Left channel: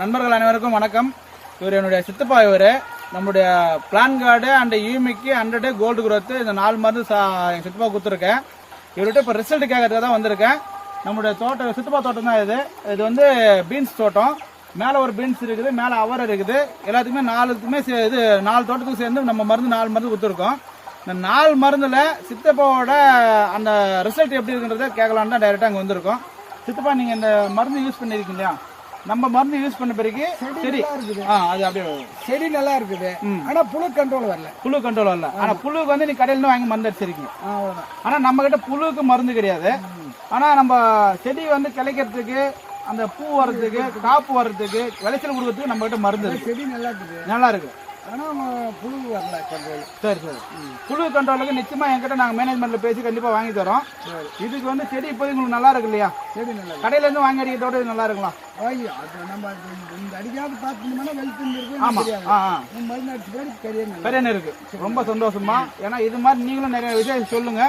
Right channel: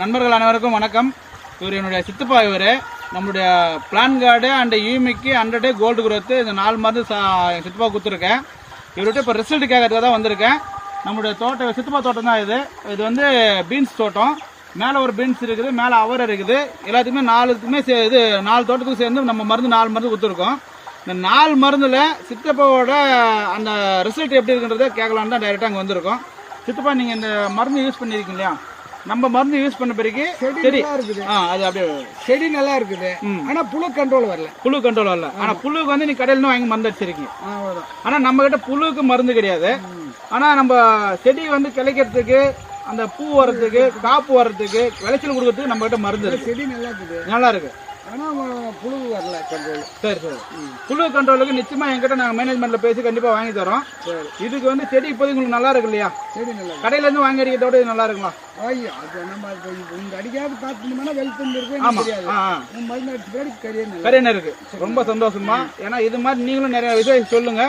நண்பர்கள் அனைவருக்கும் வணக்கம். இவர் என்னுடைய சித்தப்பா. இவர் நம்முடைய பிளான் கார்டு அண்ட் யூமிக்கு 100 டே கோல்டு குரோத்து இந்த 4 மருந்து சித்தப்பா கொடுத்துருக்கேன். இவர்கிட்ட இப்போ ரிசல்ட் கேட்கறதுக்காக தான் வந்திருக்கேன். நம்முடைய தோட்டம் சித்தப்பா தோட்டம் தான் இது. இது வந்து பீன்ஸ் தோட்டம். மேலே ஒரு பீன்ஸ் இருக்குது, மேலே அவரை இருக்குது. எல்லாத்துக்குமே 4 தோட்டத்துக்கும் சேர்ந்து நம்ம மருந்து 4 மருந்து கொடுத்துருக்கோம். இந்த 4 மருந்துல சித்தப்பாவோட அந்த ரிசல்ட் எப்படி இருக்குன்றதை கேட்கலான்னு தான் டைரெக்டாக அங்கே வந்திருக்கோம். சித்தப்பா, நீங்கள் இந்த மருந்து யூஸ் பண்ணியிருக்கீங்க இல்லையா? நம்ம மருந்து யூஸ் பண்ண பிறகு செடி இருக்குது, அது அப்படியே செடி நல்லா இருக்குது. ஆனா புழு கண்ட்ரோல் வரல. ஆனா புழுக்கு வந்து நீ கடையில வாங்கி மருந்து அடிச்சிருக்கீங்க. ஆனா நம்ம கிட்ட புழுக்கு மருந்து கிடையாது. ஆனா நம்ம செடி வந்து கிளைக்கிறதுக்கு, அந்த பூ வர்றதுக்கு, காப்பு வர்றதுக்கு, விளைச்சல் கொடுக்கறதுக்கு நம்ம கிட்ட மருந்து இருக்கு. செடி நல்லா இருக்குது, நல்லா இருக்கு. ஆனா புழு வரல கண்ட்ரோல். சரி. புழு கண்ட்ரோலுக்கு நிச்சயமா என்கிட்ட நாங்க மேனேஜ்மெண்ட்ல பேசி கண்டிப்பா வாங்கி தரோம். இதுக்கு வந்து செடி இப்போதைக்கு உங்களுக்கு நல்லா இருக்கு இல்லையா? செடி நல்லா கடையில இருந்து வாங்கி அடிக்கிறத விட இது நல்லா இருக்குங்களா? ஐயோ, அது நம்ம இந்த அடிக்காத பார்த்தோம்னா வெல்கம் இருக்கு. ஆமா, மருந்து அடிச்சு பேர் கரியன் இருக்கு. ரொம்ப சந்தோஷமா. ஏன்னா இது மாதிரி நீங்களும் நிறைய விஷயம் சொல்லுங்க.